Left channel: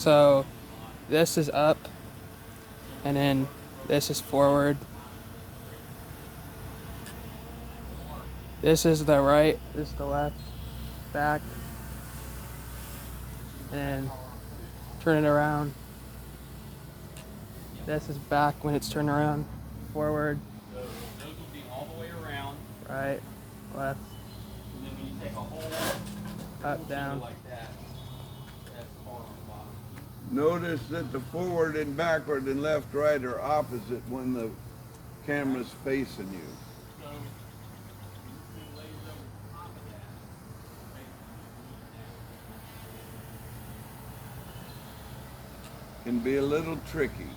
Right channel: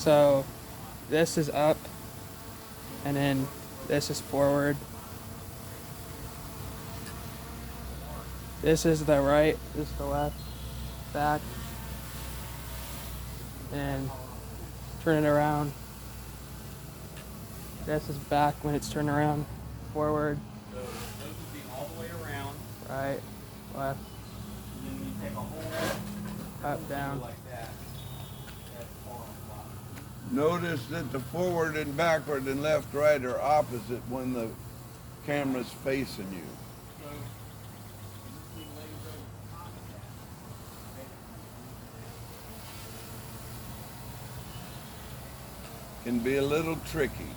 So this is up, and then this is forward. This is the right, this is the left, back, and turn it around. This is back when it's turned around, forward. So this would be all the way around. Right, left, And then when you take a whole up, down. like that, that's forward and Notice that the forward and backward and left, right are opposite when the camera's facing you. Can be a little tricky.